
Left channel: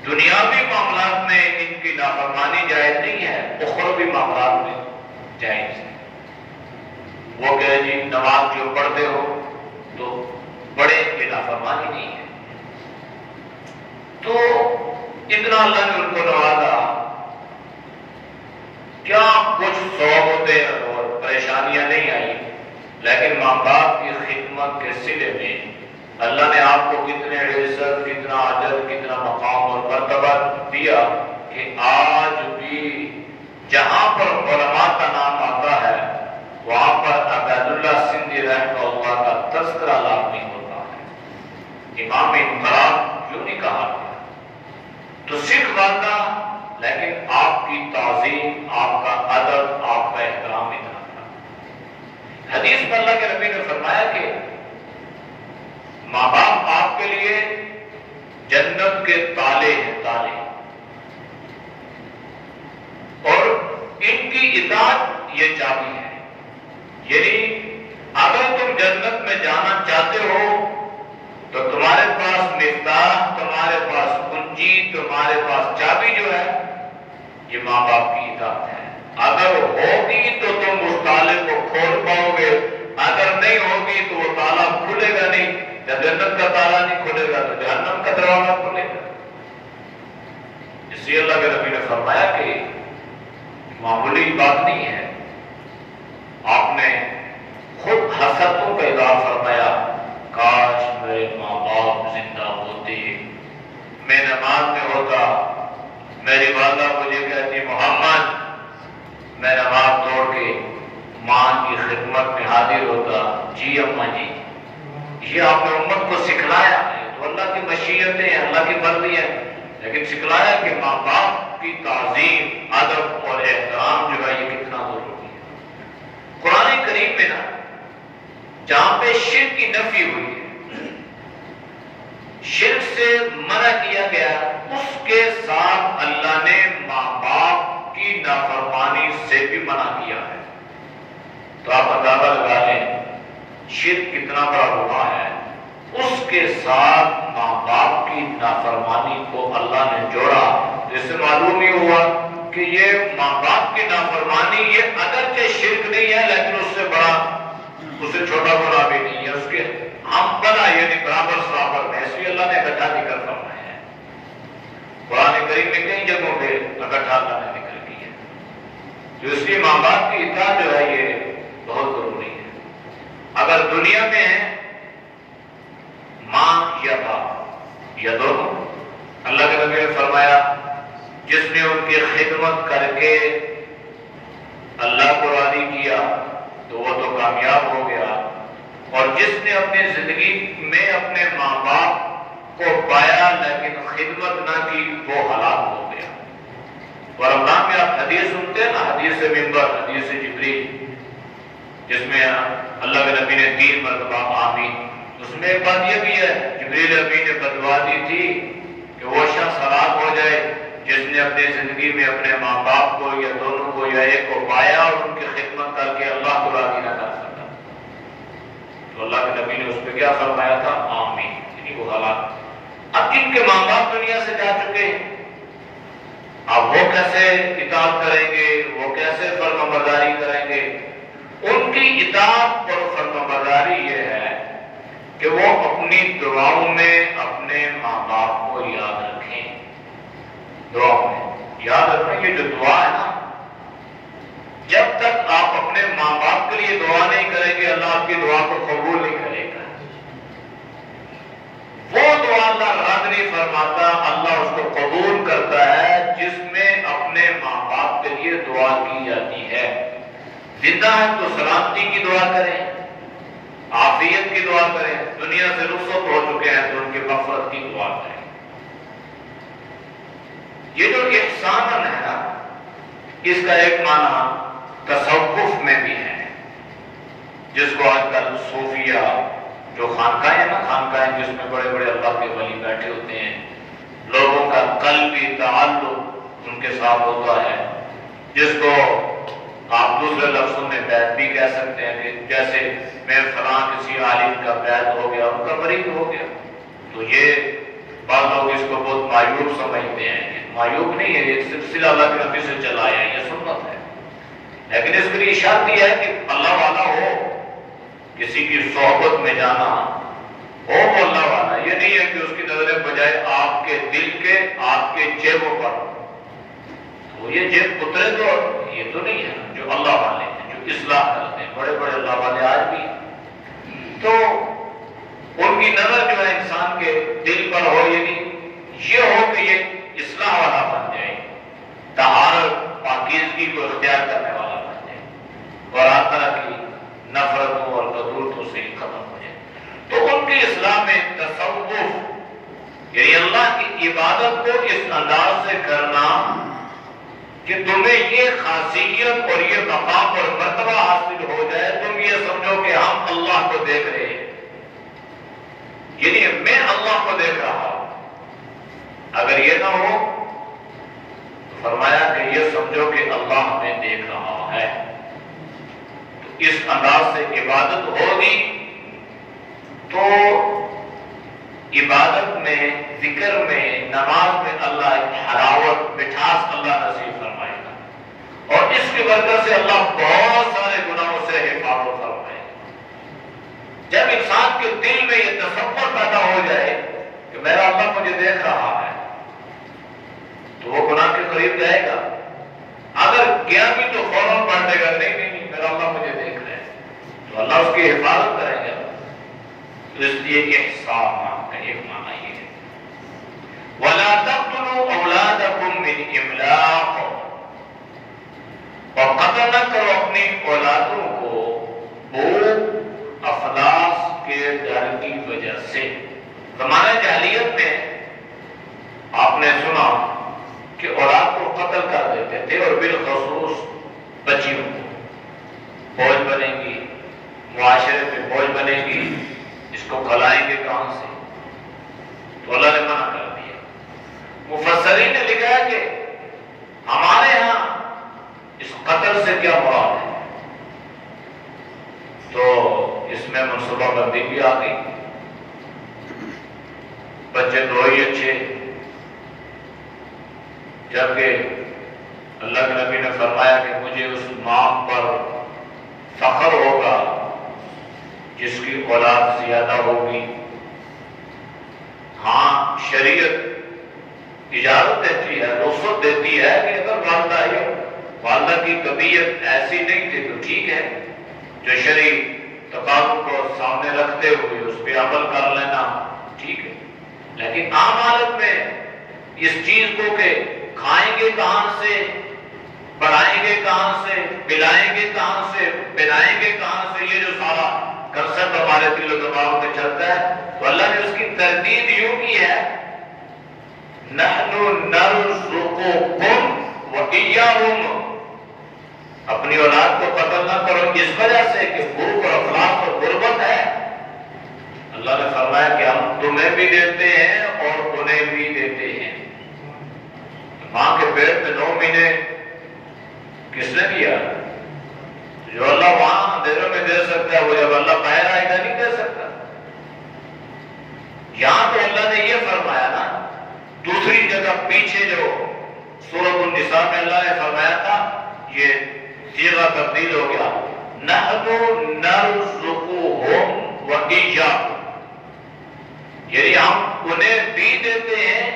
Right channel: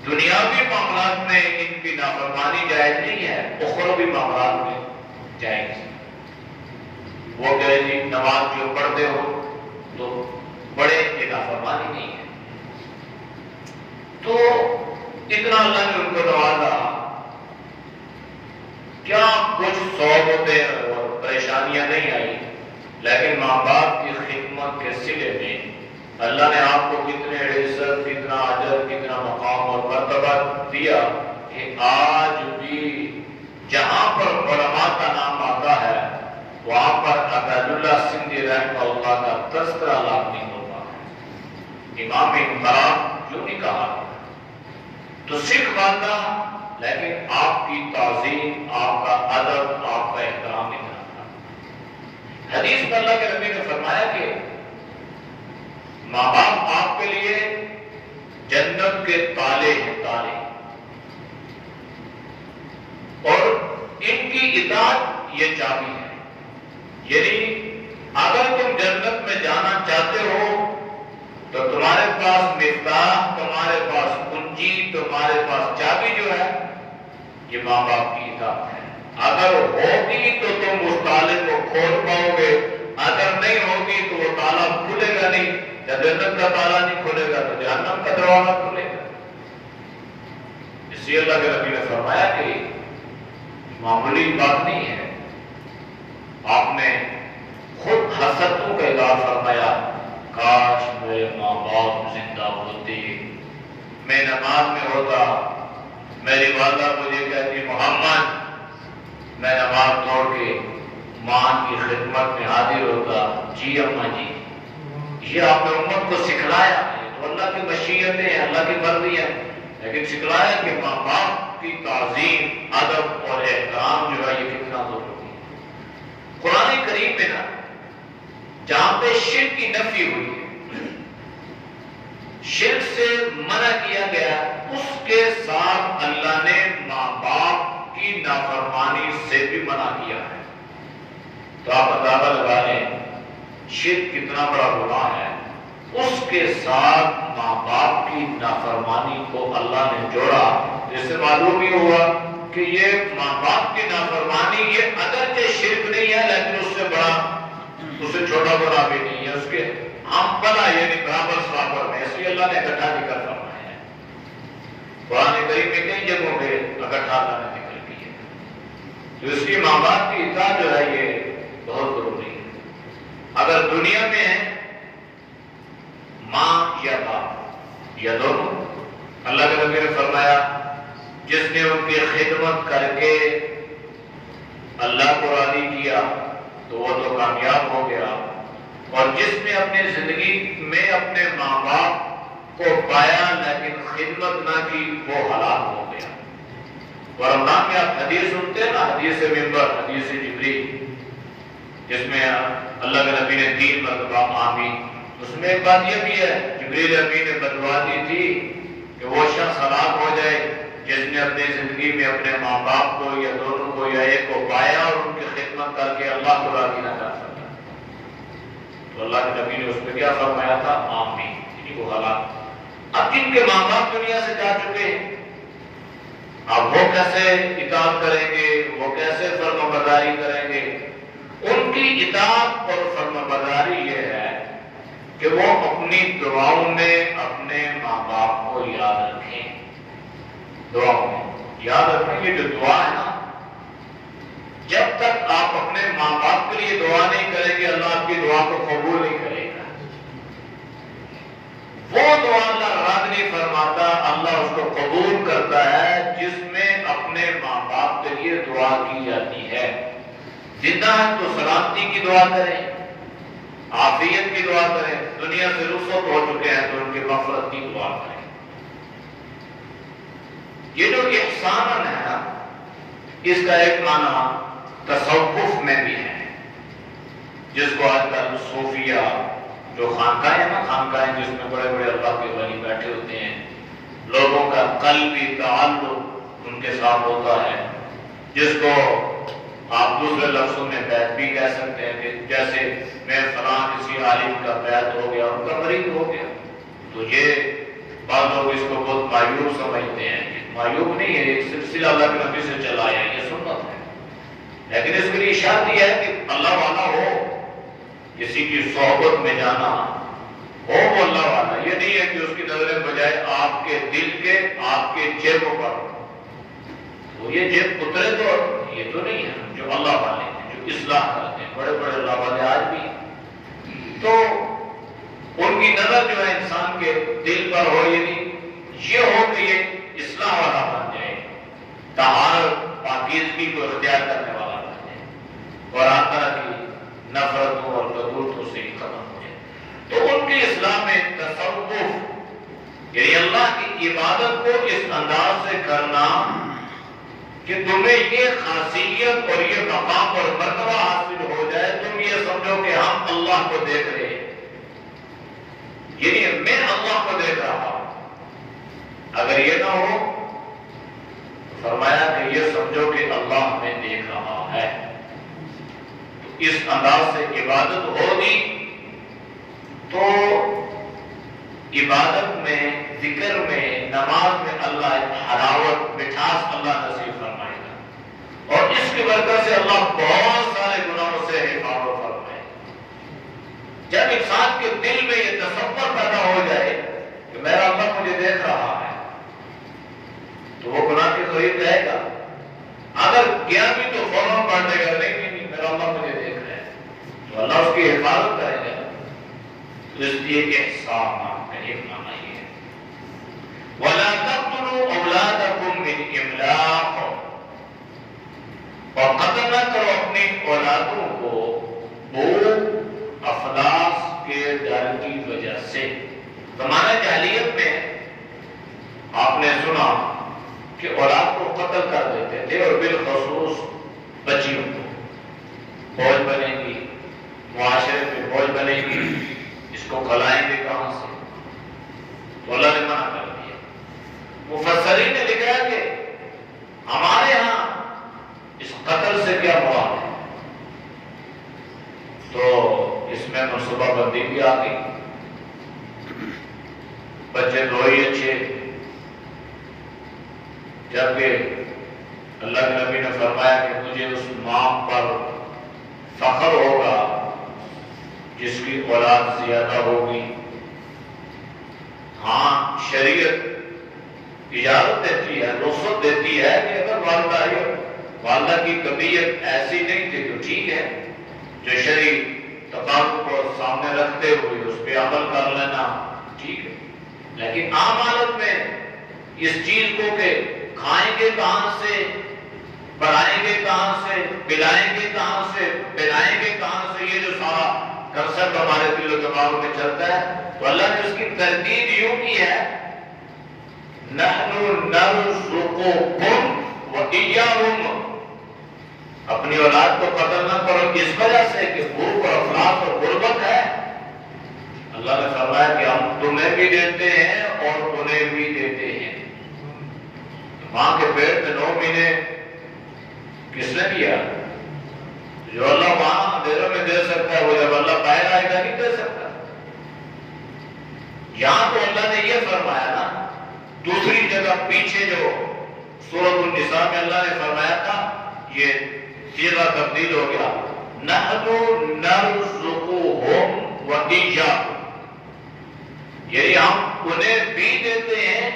دنیاوی معاملات میں ان کی نافرمانی جائز نہیں ہے، اخروی معاملات میں جائز ہے۔ وہ کہ جی نماز جو پڑھتے ہو تو بڑے کی نافرمانی نہیں ہے۔ تو اتنا اللہ نے ان کو نوازا، کیا کچھ صعوبتیں اور پریشانیاں نہیں آئی، لیکن ماں باپ کی خدمت کے صلے میں اللہ نے آپ کو کتنے عزت، کتنا اجر، کتنا مقام اور مرتبہ دیا کہ آج بھی جہاں پر علماء کا نام آتا ہے وہاں پر عبید اللہ سندھی رحمہ اللہ کا تذکرہ لازمی ہوتا ہے۔ امام انقلاب یوں نہیں کہا گیا تو سکھ ماننا، لیکن آپ کی تعظیم، آپ کا ادب، آپ کا احترام اتنا تھا۔ حدیث میں اللہ کے نبی نے فرمایا کہ ماں باپ آپ کے لیے جنت کے تالے ہیں، تالے، اور ان کی اطاعت یہ چابی ہے۔ یعنی اگر تم جنت میں جانا چاہتے ہو تو تمہارے پاس مفتاح، تمہارے پاس کنجی، تمہارے پاس چابی جو ہے یہ ماں باپ کی اطاعت ہے۔ اگر ہوگی تو تم اس تالے کو کھول پاؤ گے، اگر نہیں ہوگی تو وہ تالا کھلے گا نہیں۔ جب جنت کا تالا نہیں کھلے گا تو جہنم کا دروازہ کھلے گا۔ اس لیے اللہ کے نبی نے فرمایا کہ معمولی بات نہیں ہے۔ آپ نے خود حسرتوں کا اظہار فرمایا، کاش میرے ماں باپ زندہ ہوتے، میں نماز میں ہوتا، میری والدہ مجھے کہتی محمد، میں نماز توڑ کے ماں کی خدمت میں حاضر ہوتا، جی اماں جی۔ یہ آپ نے امت کو سکھلایا ہے، تو اللہ کی مشیتیں ہیں، اللہ کی مرضی ہے، لیکن سکھلایا کہ ماں باپ کی تعظیم، ادب اور احترام جو ہے یہ کتنا ضروری ہے۔ قرآن کریم میں نا جہاں پہ شرک کی نفی ہوئی، شرک سے منع کیا گیا، اس کے ساتھ اللہ نے ماں باپ کی نافرمانی سے بھی منع کیا ہے۔ تو آپ اندازہ لگا لیں شرک کتنا بڑا گناہ ہے، اس کے ساتھ ماں باپ کی نافرمانی کو اللہ نے جوڑا، جس سے معلوم ہی ہوا کہ یہ ماں باپ کی نافرمانی یہ اگرچہ شرک نہیں ہے لیکن اس سے بڑا، اس سے چھوٹا گناہ بھی نہیں ہے، اس کے ہم بنا یعنی برابر سرابر ہے، اس لیے اللہ نے اکٹھا بھی کر فرمایا ہے۔ قرآن کریم میں کئی جگہوں پہ اکٹھا اللہ نے ذکر کی ہے، جو اس کی ماں باپ کی اطاعت جو ہے یہ بہت ضروری ہے۔ اگر دنیا میں ہے ماں یا باپ یا دونوں، اللہ کے نبی نے فرمایا جس نے ان کی خدمت کر کے اللہ کو راضی کیا تو وہ تو کامیاب ہو گیا، اور جس نے اپنی زندگی میں اپنے ماں باپ کو پایا لیکن خدمت نہ کی وہ ہلاک ہو گیا۔ اور رمضان میں آپ حدیث سنتے ہیں نا، حدیث منبر، حدیث جبریل، جس میں اللہ کے نبی نے 3 مرتبہ آمین، اس میں ایک بات یہ بھی ہے جبریل امین نے بدوا دی تھی کہ وہ شخص ہلاک ہو جائے جس نے اپنی زندگی میں اپنے ماں باپ کو یا دونوں کو یا ایک کو پایا اور ان کی خدمت کر کے اللہ کو راضی نہ کر سکا۔ تو اللہ کے نبی نے اس پہ کیا فرمایا تھا؟ آمین، یعنی وہ ہلاک۔ اب جن کے ماں باپ دنیا سے جا چکے ہیں، اب وہ کیسے اطاعت کریں گے، وہ کیسے فرمانبرداری کریں گے؟ ان کی اطاعت اور فرمانبرداری یہ ہے کہ وہ اپنی دعاؤں میں اپنے ماں باپ کو یاد رکھیں۔ دعاؤں میں یاد رکھیں گے جو دعا ہے نا، جب تک آپ اپنے ماں باپ کے لیے دعا نہیں کریں گے اللہ آپ کی دعا کو قبول نہیں کرے گا۔ وہ دعا اللہ رد نہیں فرماتا، اللہ اس کو قبول کرتا ہے جس میں اپنے ماں باپ کے لیے دعا کی جاتی ہے۔ زندہ ہے تو سلامتی کی دعا کریں، عافیت کی دعا کریں، دنیا سے رخصت ہو چکے ہیں تو ان کی مغفرت کی دعا کریں۔ یہ جو احسان ہے نا، اس کا ایک معنی تصوف میں بھی ہے، جس کو آج کل صوفیہ جو خانقاہیں ہیں نا، خانقاہیں جس میں بڑے بڑے اللہ کے ولی بیٹھے ہوتے ہیں، لوگوں کا قلبی تعلق ان کے ساتھ ہوتا ہے، جس کو آپ دوسرے لفظوں میں بیعت بھی کہہ سکتے ہیں کہ جیسے میں فلاں کسی عالم کا بیعت ہو گیا، ان کا مریض ہو گیا، تو یہ بعض لوگ اس کو بہت معیوب سمجھتے ہیں۔ معیوب نہیں ہے، ایک سلسلہ اللہ کے نبی سے چلا ہے، یہ سنت ہے، لیکن اس کے لیے شرط یہ ہے کہ اللہ والا ہو، کسی کی صحبت میں جانا ہو وہ اللہ والا، یہ نہیں ہے کہ اس کی نظریں بجائے آپ کے دل کے، آپ کے جیبوں پر، تو یہ جیب اترے تو یہ تو نہیں ہے جو اللہ والے ہیں، جو اصلاح کرتے ہیں، بڑے بڑے اللہ والے آج بھی، تو ان کی نظر جو ہے انسان کے دل پر ہو، یہ ہو کہ یہ اصلاح والا بن جائے، طہارت پاکیزگی کو اختیار کرنے والا بن جائے، اور ہر طرح کی نفرتوں اور غدورتوں سے ختم ہو جائے۔ تو ان کی اصلاح میں تصوف، یعنی اللہ کی عبادت کو اس انداز سے کرنا کہ تمہیں یہ خاصیت اور یہ مقام اور مرتبہ حاصل ہو جائے، تم یہ سمجھو کہ ہم اللہ کو دیکھ رہے ہیں، یعنی میں اللہ کو دیکھ رہا ہوں۔ اگر یہ نہ ہو تو فرمایا کہ یہ سمجھو کہ اللہ ہمیں دیکھ رہا ہے، تو اس انداز سے عبادت ہوگی تو عبادت میں، ذکر میں، نماز میں اللہ حلاوت، مٹھاس اللہ نصیب فرمائے گا، اور اس کی برکت سے اللہ بہت سارے گناہوں سے حفاظت فرمائے گا۔ جب انسان کے دل میں یہ تصور پیدا ہو جائے کہ میرا اللہ مجھے دیکھ رہا ہے، تو وہ گناہ کے قریب جائے گا۔ اگر گیا بھی تو فوراً پڑھنے گا، نہیں میرا اللہ مجھے دیکھ رہا ہے، تو اللہ اس کی حفاظت کرے گا۔ تو اس لیے احسان کا ایک معنی یہ ہے، وَلَا تَقْتُلُوا أَوْلَادَكُمْ مِنْ إِمْلَاقٍ، اور قتل نہ کرو اپنی اولادوں کو بھوک افلاس کے ڈر کی وجہ سے۔ زمانہ جاہلیت میں آپ نے سنا کہ اولاد کو قتل کر دیتے تھے، اور بالخصوص بچیوں کو، بوجھ بنے گی، معاشرے میں بوجھ بنے گی، اس کو کھلائیں گے کہاں سے، تو اللہ نے منع کر دیا۔ مفسرین نے لکھا ہے کہ ہمارے ہاں اس قتل سے کیا مراد ہے، تو اس میں منصوبہ بندی بھی آ گئی۔ بچے دو ہی اچھے، جبکہ اللہ کے نبی نے فرمایا کہ مجھے اس ماں پر فخر ہوگا جس کی اولاد زیادہ ہوگی۔ ہاں شریعت اجازت دیتی ہے، رخصت دیتی ہے کہ اگر والدہ کی طبیعت ایسی نہیں تھی تو ٹھیک ہے، جو شرعی تقاضوں کو سامنے رکھتے ہوئے اس پہ عمل کر لینا ٹھیک ہے، لیکن عام حالت میں اس چیز کو کہ کھائیں گے کہاں سے، پڑھائیں گے کہاں سے، پلائیں گے کہاں سے، پہنائیں گے کہاں سے، یہ جو سارا کنسپٹ ہمارے دل و دماغ میں چلتا ہے، تو اللہ نے اس کی ترتیب یوں کی ہے، نحن نرزقکم وإیاہم، اپنی اولاد کو قتل نہ کرو اس وجہ سے کہ بھوک اور افلاس اور غربت ہے۔ اللہ نے فرمایا کہ ہم تمہیں بھی دیتے ہیں اور انہیں بھی دیتے ہیں۔ ماں کے پیٹ میں 9 مہینے کس نے دیا؟ جو اللہ وہاں اندھیروں میں دے سکتا ہے، وہ جب اللہ باہر آئے گا نہیں دے سکتا۔ یہاں تو اللہ نے یہ فرمایا نا، دوسری جگہ پیچھے جو سورۃ النساء میں اللہ نے فرمایا تھا، یہ صیغہ تبدیل ہو گیا، نحن نرزقہم وإیاکم، یعنی ہم انہیں بھی دیتے ہیں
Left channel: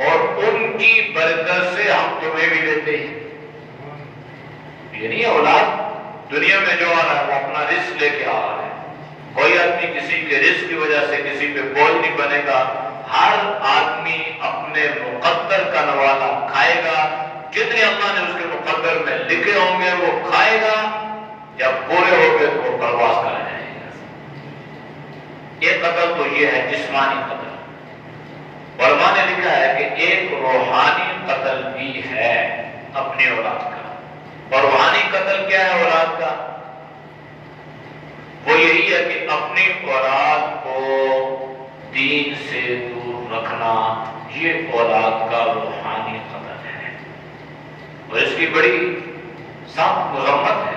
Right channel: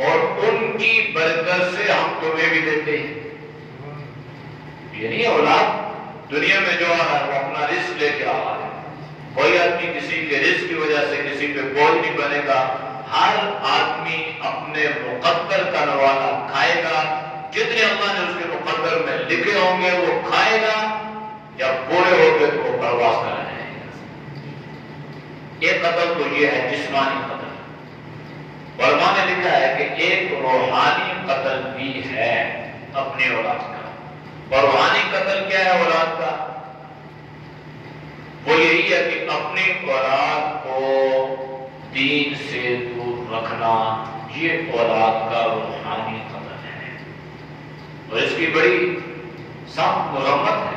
اور ان کی برکت سے ہم تمہیں بھی دیتے ہیں۔ یعنی اولاد دنیا میں جو آ رہا ہے وہ اپنا رزق لے کے آ رہا ہے، کوئی آدمی کسی کے رزق کی وجہ سے کسی پہ بوجھ نہیں بنے گا، ہر آدمی اپنے مقدر کا نوالا کھائے گا، جتنے اللہ نے اس کے مقدر میں لکھے ہوں گے وہ کھائے گا، جب پورے ہو گئے تو پرواز کرائے جائے گا۔ ایک قتل تو یہ ہے جسمانی قتل، علماء نے لکھا ہے کہ ایک روحانی قتل بھی ہے اپنی اولاد کا۔ اور روحانی قتل کیا ہے اولاد کا؟ وہ یہی ہے کہ اپنی اولاد کو دین سے دور رکھنا، یہ اولاد کا روحانی قتل ہے، اور اس کی بڑی سخت مذمت ہے۔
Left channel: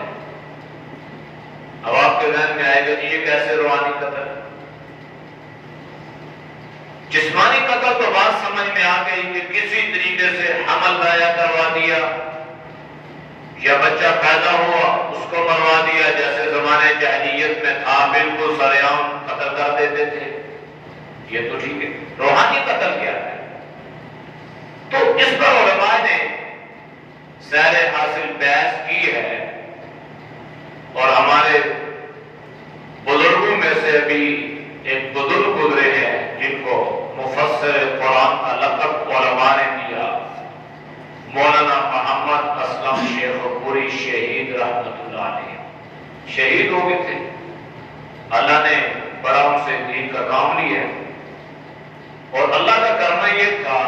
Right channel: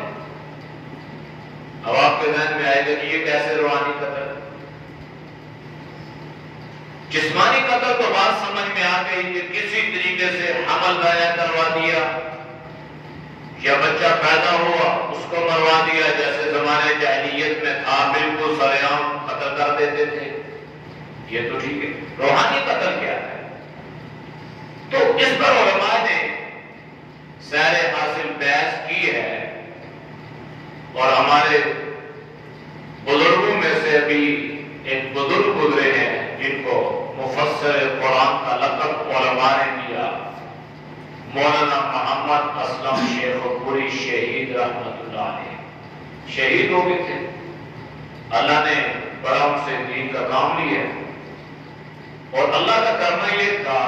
اب آپ کے ذہن میں آئے گا کہ یہ کیسے روحانی قتل؟ جسمانی قتل تو بات سمجھ میں آ گئی کہ کسی طریقے سے حمل ضائع کروا دیا یا بچہ پیدا ہوا اس کو مروا دیا، جیسے زمانے جاہلیت میں تھا، بالکل سر عام قتل کر دیتے تھے، یہ تو ٹھیک ہے۔ روحانی قتل کیا ہے؟ تو اس پر علماء نے سیر حاصل بحث کی ہے، اور ہمارے بزرگوں میں سے بھی ایک بزرگ گزرے ہیں جن کو مفسر قرآن کا لقب علماء نے دیا، مولانا محمد اسلم شیخ پوری شہید رحمت اللہ علیہ، شہید ہو گئے تھے، اللہ نے بڑا ان سے دین کا کام لیا، اور اللہ کا کرنا یہ تھا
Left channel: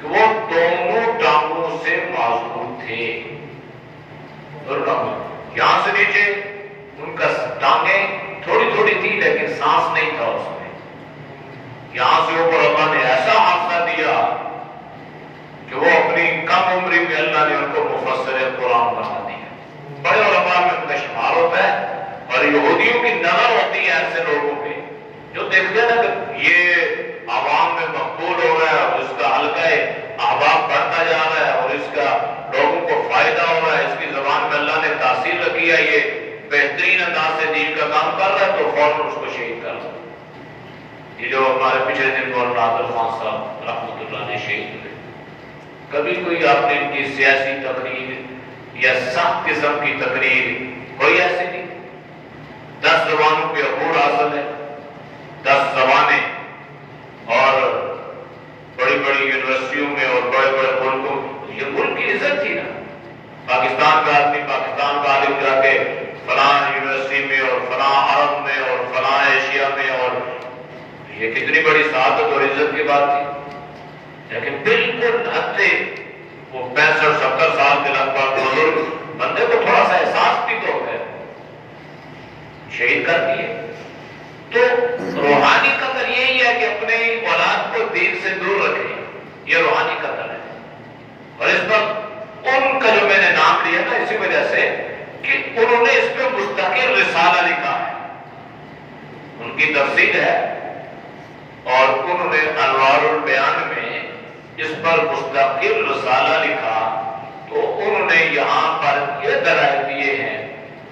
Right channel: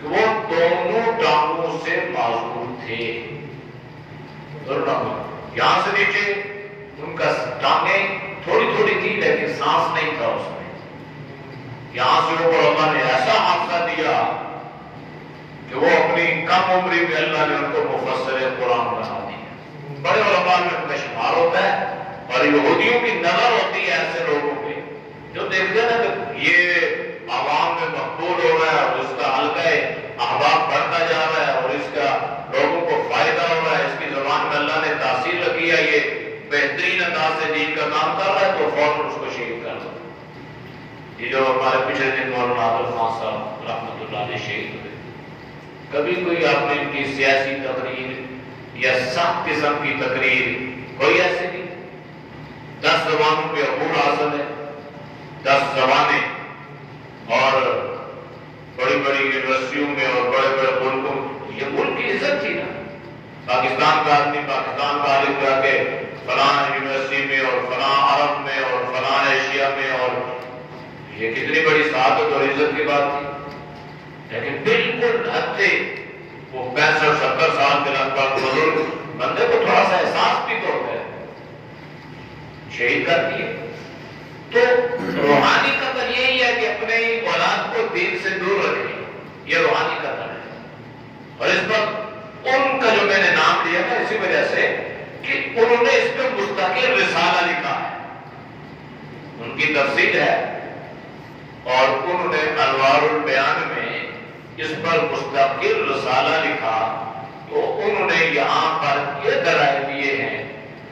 کہ وہ دونوں ٹانگوں سے معذور تھے، یہاں سے نیچے ان کا ٹانگیں تھوڑی تھوڑی تھی لیکن سانس نہیں تھا اس میں، یہاں سے اوپر اللہ نے ایسا حادثہ دیا کہ وہ اپنی کم عمری میں اللہ نے ان کو مفسر قرآن بنا دیا، بڑے علماء میں ان کا شمار ہوتا ہے، اور یہودیوں کی نظر ہوتی ہے ایسے لوگوں پہ جو دیکھتے ہیں نا کہ یہ عوام میں مقبول ہو رہا ہے اور اس کا حلقہ احباب بڑھتا جا رہا ہے اور اس کا لوگوں کو فائدہ ہو رہا ہے، اس کی زبان میں اللہ نے تاثیر رکھی ہے، یہ بہترین انداز سے دین کا کام کر رہا ہے، تو فوراً اس کو شہید کر دو۔ یہ جو ہمارے پچھلے دن مولانا عادل خان صاحب رحمۃ اللہ علیہ شہید ہوئے، کبھی کوئی آپ نے ان کی سیاسی تقریر یا سخت قسم کی تقریر کوئی ایسی نہیں؟ 10 زبانوں پہ عبور حاصل ہے، 10 زبانیں، اور بڑی بڑی یونیورسٹیوں میں اور بڑے بڑے ملکوں، یہ ملک کی عزت تھی نا، پاکستان کا آدمی پاکستان کا عالم جا کے فلاں یونیورسٹی میں اور فلاں عرب میں اور فلاں ایشیا میں، اور یہ کتنی بڑی سعادت اور عزت کی بات تھی، لیکن بالکل ہفتے وہ 65-70 سال کے لگ بھگ بزرگ بندے کو تھوڑا سا احساس بھی تو ہو گئے، شہید کر دیے۔ تو روحانی قتل یہی ہے کہ اپنے اولاد کو دین سے دور رکھے، یہ روحانی قتل ہے، اور اس پر ان کا جو میں نے نام لیا نا اسی وجہ سے کہ انہوں نے اس پہ مستقل رسالہ لکھا ہے، ان کی تفسیر ہے، اور انہوں نے انوار البیان میں اس پر مستقل رسالہ لکھا، تو انہوں نے یہاں پر یہ دلائل دیے ہیں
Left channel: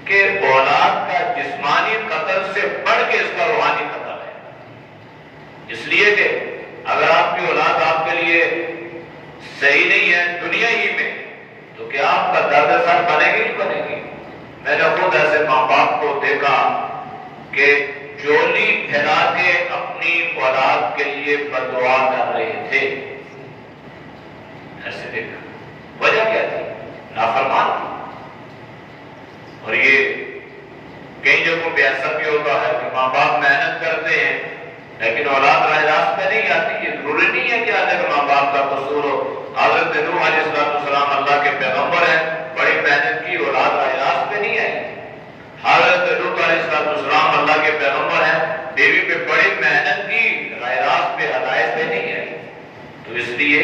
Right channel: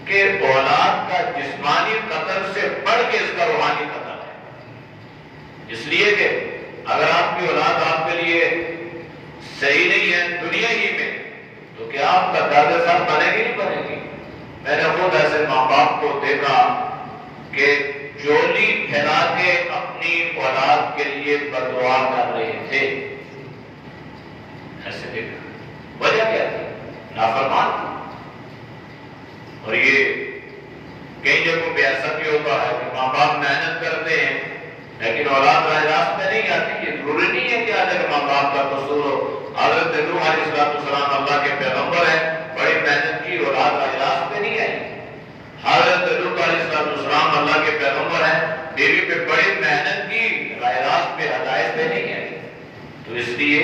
کہ اولاد کا جسمانی قتل سے بڑھ کے اس کا روحانی قتل ہے، اس لیے کہ اگر آپ کی اولاد آپ کے لیے صحیح نہیں ہے دنیا ہی میں، تو کیا آپ کا درد سر بنے گی نہیں بنے گی؟ میں نے خود ایسے ماں باپ کو دیکھا کہ جولی پھیلا کے اپنی اولاد کے لیے بددعا کر رہے تھے، ایسے دیکھا، وجہ کیا تھی؟ نافرمان تھی۔ اور یہ کئی جگہوں پہ ایسا بھی ہوتا ہے کہ ماں باپ محنت کرتے ہیں لیکن اولاد راہ راست میں نہیں آتی، یہ ضروری نہیں ہے کہ آج تک ماں باپ کا قصور ہو۔ حضرت نوح علیہ السلام اللہ کے پیغمبر ہیں، بڑی محنت کی، اولاد راہ راست میں نہیں آئی۔ حضرت لوط علیہ السلام اللہ کے پیغمبر ہیں، بیوی پہ بڑی محنت کی، راہ راست پہ ہدایت پہ نہیں آئی۔ تو اس لیے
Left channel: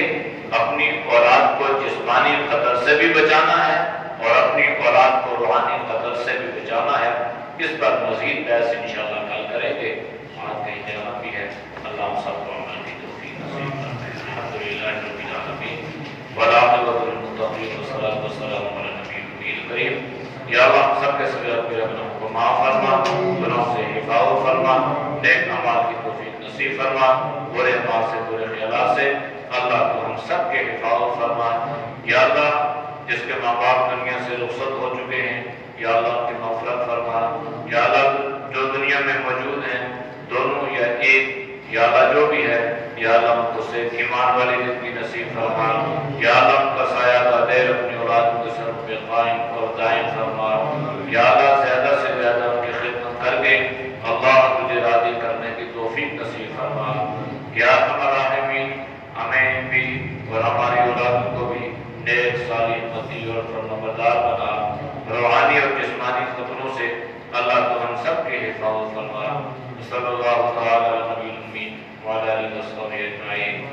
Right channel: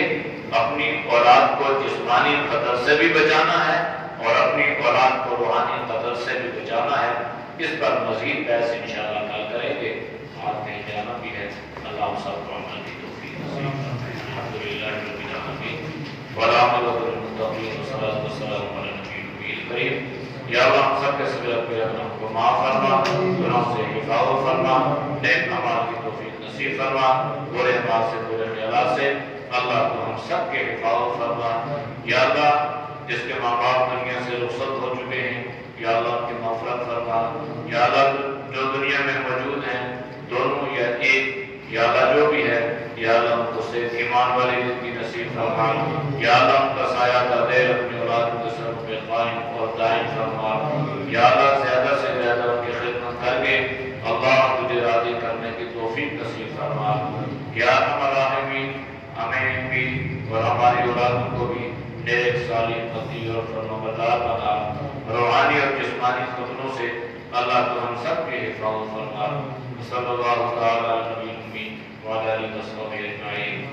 اپنی اولاد کو جسمانی قتل سے بھی بچانا ہے اور اپنی اولاد کو روحانی قتل سے بھی بچانا ہے۔ اس پر مزید بحث انشاءاللہ کل کریں گے، آج کہیں جانا بھی ہے۔ اللہ ہم سب کو عمل کی توفیق نصیب فرمائے۔ الحمدللہ رب العالمین والعاقبۃ للمتقین والصلاۃ والسلام علی النبی الکریم۔ یا اللہ ہم سب کے سب اپنے گناہوں کو معاف فرما، گناہوں سے حفاظت فرما، نیک اعمال کی توفیق نصیب فرما، برے اعمال سے برے خیالات سے اللہ تو ہم سب کے حفاظت فرما۔ یا اللہ جس کے ماں باپ دنیا سے رخصت ہو چکے ہیں، یا اللہ ان کی مغفرت فرما۔ یا اللہ جو دنیا میں موجود ہیں دونوں یا ایک، یا اللہ جو بھی ہے، یا اللہ ان کو صحت ایمان والی زندگی نصیب فرما۔ یا اللہ ان کا سایہ کا دیر اپنی اولاد کے سر پہ قائم اور دائم فرما۔ یا اللہ زیادہ سے زیادہ ان کی خدمت کر کے اللہ تجھے راضی کرنے کی توفیق نصیب فرما۔ یا ارحم الراحمین ہمیں بھی اور ہماری اولاد کو بھی نیک صالح متی اور فرمانبردار بنا، روحانی اور جسمانی قتلوں سے اللہ تو ہم سب کی حفاظت فرما۔ صلی اللہ تعالی علی نبی الامین وعلی آلہ وصحبہ اجمعین۔